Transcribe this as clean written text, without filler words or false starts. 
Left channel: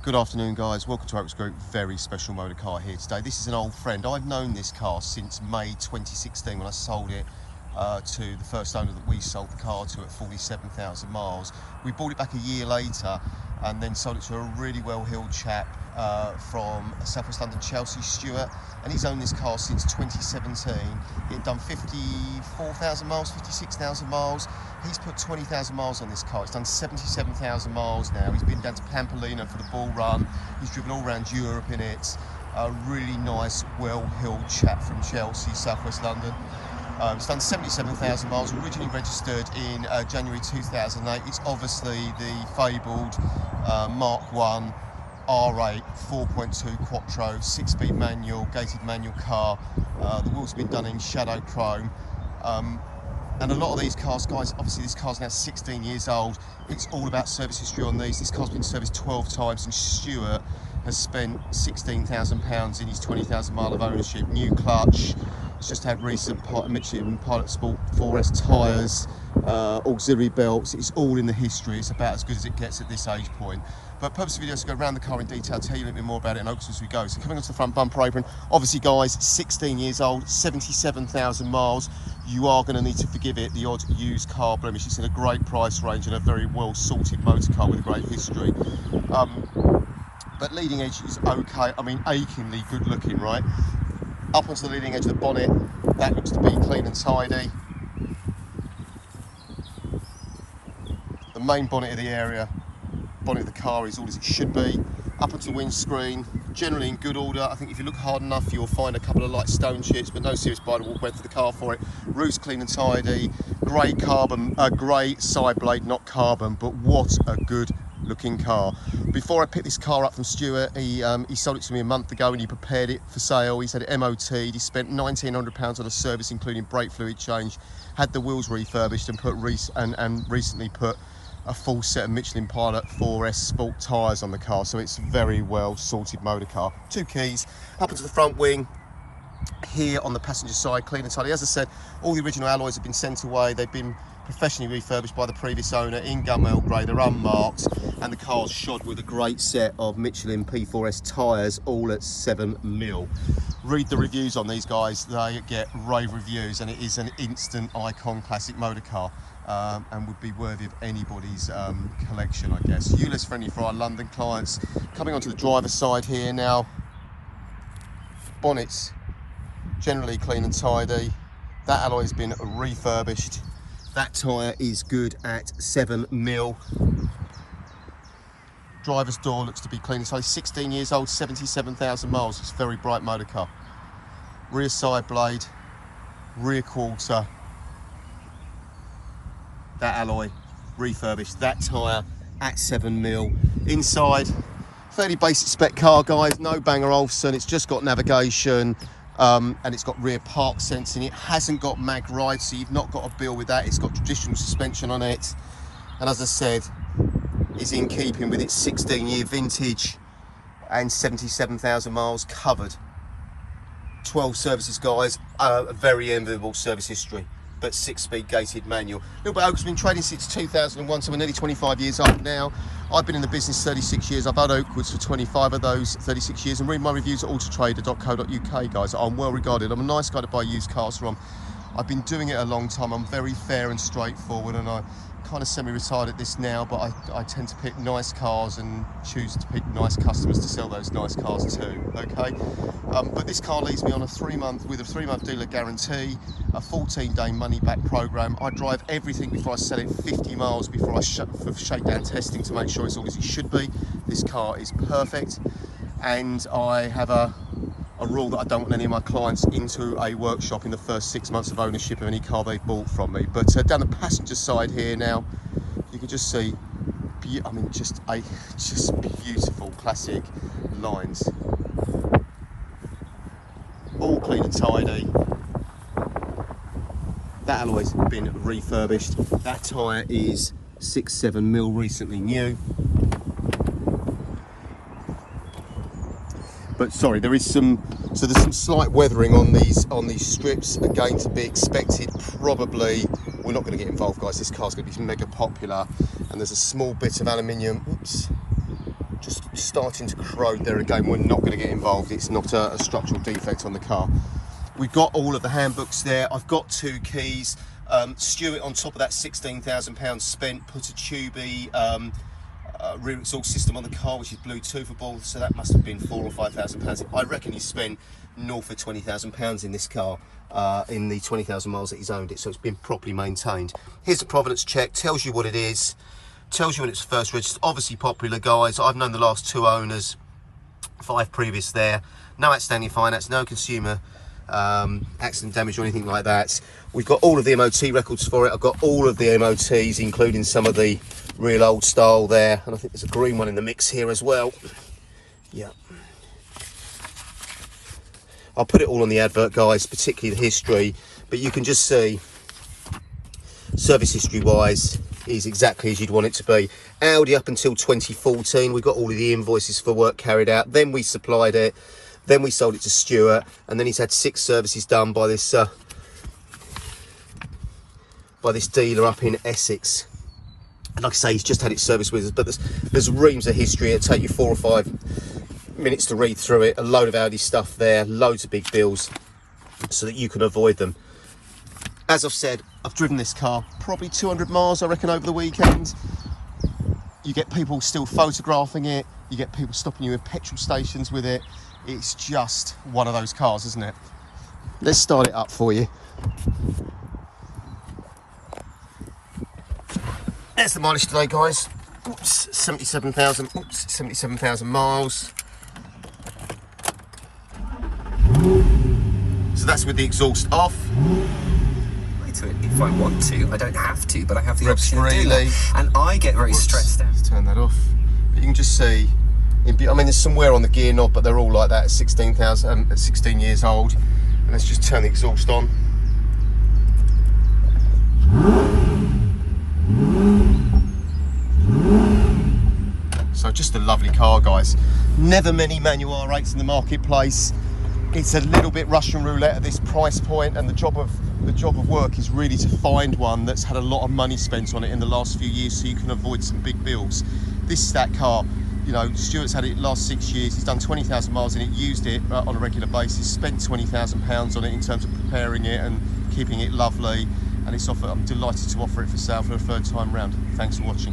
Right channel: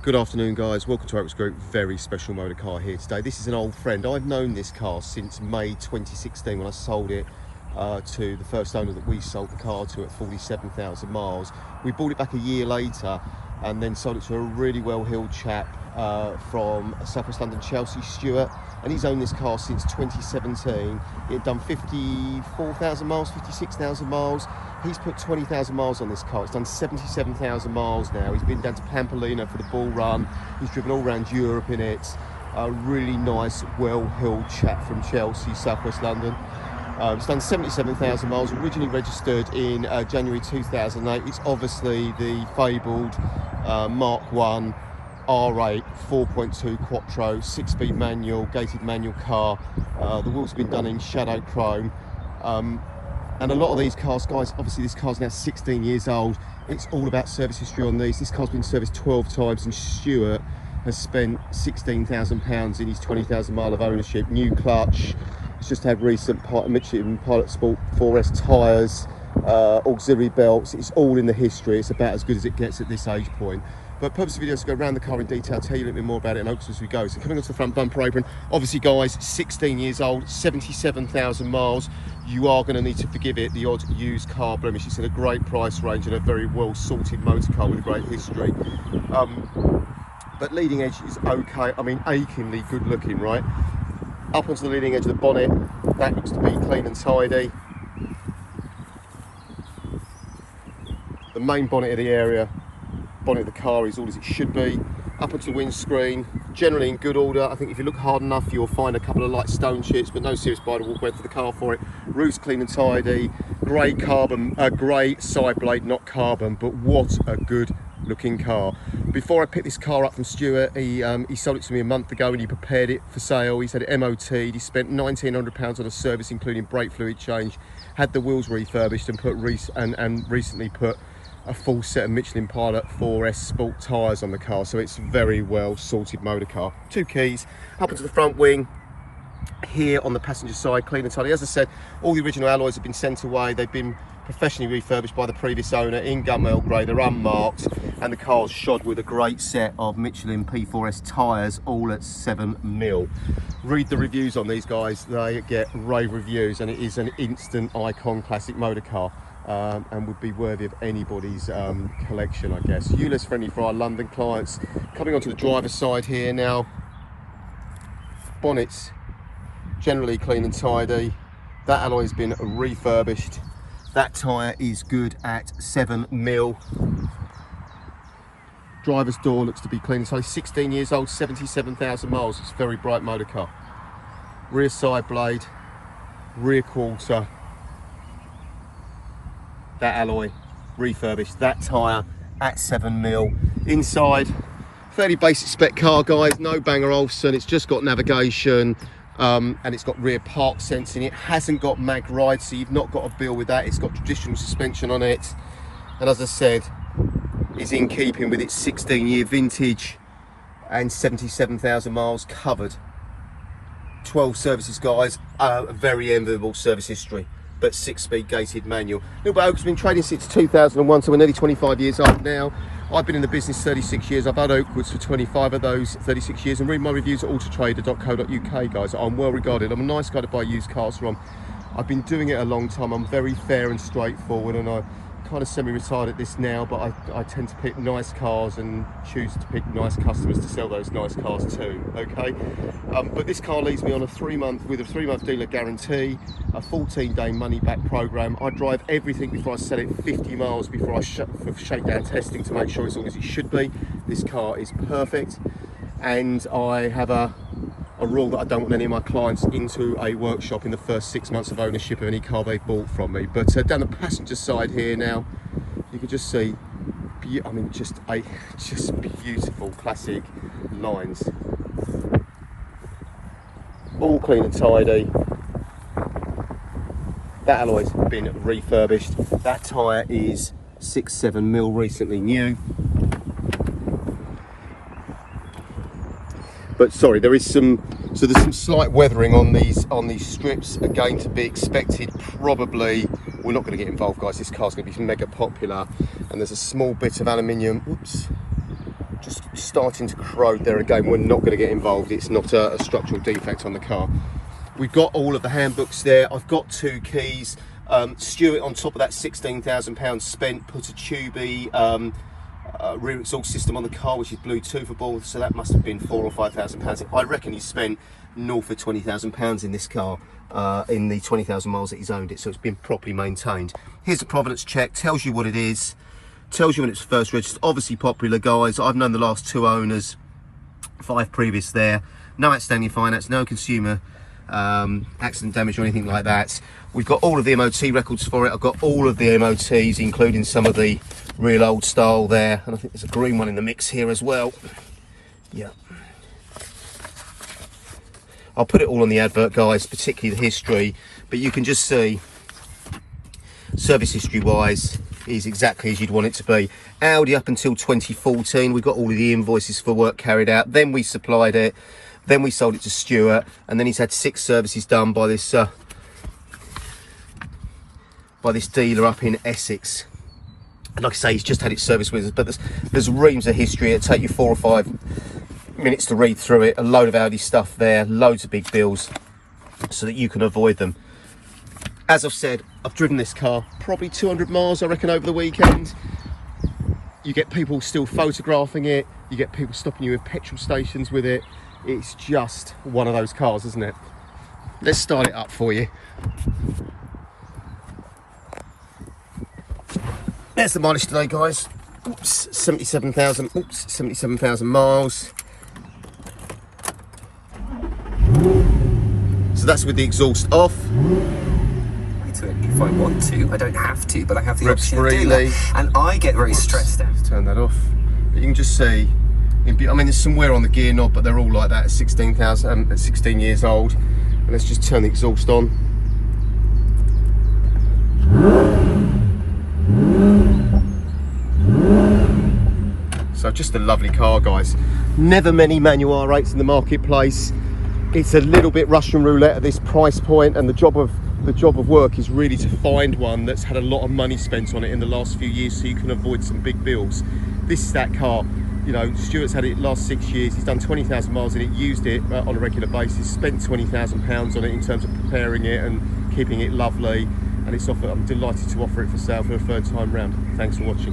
Good afternoon guys, welcome to Oaks Group. Very special motor car here today. This is an old friend. I've known this car since May 2016 when I sold it to the first owner that we sold the car to at 47,000 miles. We bought it back a year later and then sold it to a really well-heeled chap from Southwest London, Chelsea, Stuart, and he's owned this car since 2017. It had done 54,000 miles, 56,000 miles. He's put 20,000 miles on this car. It's done 77,000 miles now. He's been down to Pamplona for the bull run. He's driven all around Europe in it. A really nice, well-heeled chap from Chelsea, Southwest London. It's done 77,000 miles, originally registered in January 2008. It's obviously the fabled Mk1 R8 4.2 Quattro 6-speed manual, gated manual car. The wheels have been done in shadow chrome. And a lot of these cars, guys, obviously this car's now 16 years old. It's all about service history on these. This car's been serviced 12 times and Stuart has spent £16,000 in his 20,000 mile of ownership. New clutch. It's just had recent Michelin Pilot Sport 4S tyres, auxiliary belts. It's all in the history. It's about as good as it gets at this age point. But purpose of the video is to go around the car in detail, tell you a little bit more about it and Oaks as we go. So coming onto the front bumper apron, obviously guys, 16 years old, 77,000 miles. You are going to need to forgive it the odd used car blemish. It's in a great price range and a very well sorted motor car with a great history. But leading edge is okay. I mean, achingly good looking, right? Up onto the leading edge of the bonnet, that looks to be clean and tidy. The main bonnet of the area, bonnet of the car is all as it should be. Up onto the windscreen, generally in good order. I think if you look hard enough, you'll find a couple of light stone chips, but no serious bite or walk away for the car for it. Roof's clean and tidy. Grey carbon, grey side blade, not carbon, but what a good looking car. Before I picked this car up from Stuart, he sold it to me a month ago and he prepared it for sale. He's had it MOT'd, he spent £1,900 on a service including brake fluid change, had the wheels refurbished and recently put a full set of Michelin Pilot 4S Sport tyres on the car, so it's a very well sorted motor car. Two keys, up into the front wing. Here on the passenger side, clean and tidy. As I said, all the original alloys have been sent away. They've been professionally refurbished by the previous owner in gunmetal grey. They're unmarked and the car's shod with a great set of Michelin P4S tyres, all at 7mm. Read the reviews on these guys, they get rave reviews, and it is an instant icon classic motor car. And would be worthy of anybody's collection, I guess. ULEZ friendly for our London clients. Coming onto the driver's side here now, bonnet's generally clean and tidy. That alloy has been refurbished. That tyre is good at 7mm. Driver's door looks to be clean and tidy. 16 years old, 77,000 miles. It's a very bright motor car. Rear side blade, rear quarter. That alloy refurbished. That tyre at 7mm. Inside, fairly basic spec car, guys. No Banger Olufsen. It's just got navigation. And it's got rear park sensing. It hasn't got mag ride, so you've not got a bill with that. It's got traditional suspension on it, and as I said, it's in keeping with its 16-year vintage and 77,000 miles covered. 12 services, guys. A very enviable service history, but 6-speed gated manual. Little Oaks has been trading since 2001, so we're nearly 25 years old now. I've been in the business 36 years. I've had Oakwoods for 25 of those 36 years, and read my reviews at autotrader.co.uk, guys. I'm well regarded. I'm a nice guy to buy used cars from. I've been doing it a long time. I'm very fair and straightforward, and I kind of semi-retired at this now, but I tend to pick nice cars and choose to pick nice customers to sell those nice cars to, okay? But this car leaves me on a 3-month dealer guarantee, a 14-day money-back program. I drive everything before I sell it 50 miles before I shakedown testing to make sure it's all as it should be. This car is perfect, and I have a rule that I don't want any of my clients into a workshop in the first 6 months of ownership of any car they've bought from me. But down the passenger side here now, you can just see, I mean, just beautiful classic lines. All clean and tidy. That alloy's been refurbished. That tyre is 6-7mm, recently new. But sorry, there's some slight weathering on these strips, again to be expected. Probably we're not going to get involved, guys. This car's going to be mega popular, and there's a small bit of aluminium, oops, starting to corrode there. Again, we're not going to get involved. It's not a structural defect on the car. We've got all of the handbooks there. I've got 2 keys. Stuart, on top of that £16,000 spent, put a Tubey rear exhaust system on the car, which is Bluetoothable, so that must have been £4,000 or £5,000. I reckon he spent north of £20,000 in this car in the 20,000 miles that he's owned it, so it's been properly maintained. Here's the provenance check, tells you what it is, tells you when it's first registered. Obviously popular, guys. I've known the last 2 owners, 5 previous there. No outstanding finance, no consumer accident damage or anything like that. We've got all of the MOT records for it. I've got all of the MOTs, including some of the real old style there, and I think there's a green one in the mix here as well. Yeah, I'll put it all on the advert, guys, particularly the history, but you can just see service history wise is exactly as you'd want it to be. Audi up until 2014, we got all of the invoices for work carried out, then we supplied it, then we sold it to Stuart, and then he's had 6 services done by this dealer up in Essex. And like I say, he's just had it serviced with us, but there's reams of history. It'll take you 4 or 5 minutes to read through it. A load of Audi stuff there, loads of big bills, so that you can avoid them. As I've said, I've driven this car probably 200 miles, I reckon, over the weekend. You get people still photographing it. You get people stopping you at petrol stations with it. It's just one of those cars, isn't it? Let's start it up for you. There's the mileage today, guys. Oops, 77,000 miles. So that's with the exhaust off. If I want to, I don't have to, but I have the Revs option to do freely. that. And I get very stressed out. Let's turn that off. But you can just see, I mean, there's some wear on the gear knob, but they're all like that at 16 years old. And let's just turn the exhaust on. So just a lovely car, guys. Never many manual R8s in the marketplace. It's a little bit Russian roulette at this price point, and the job of work is really to find one that's had a lot of money spent on it in the last few years, so you can avoid some big bills. This is that car. You know, Stuart's had it the last 6 years. He's done 20,000 miles in it, used it on a regular basis, spent £20,000 on it in terms of preparing it and keeping it lovely. And it's offered. I'm delighted to offer it for sale for a 3rd time round. Thanks for watching.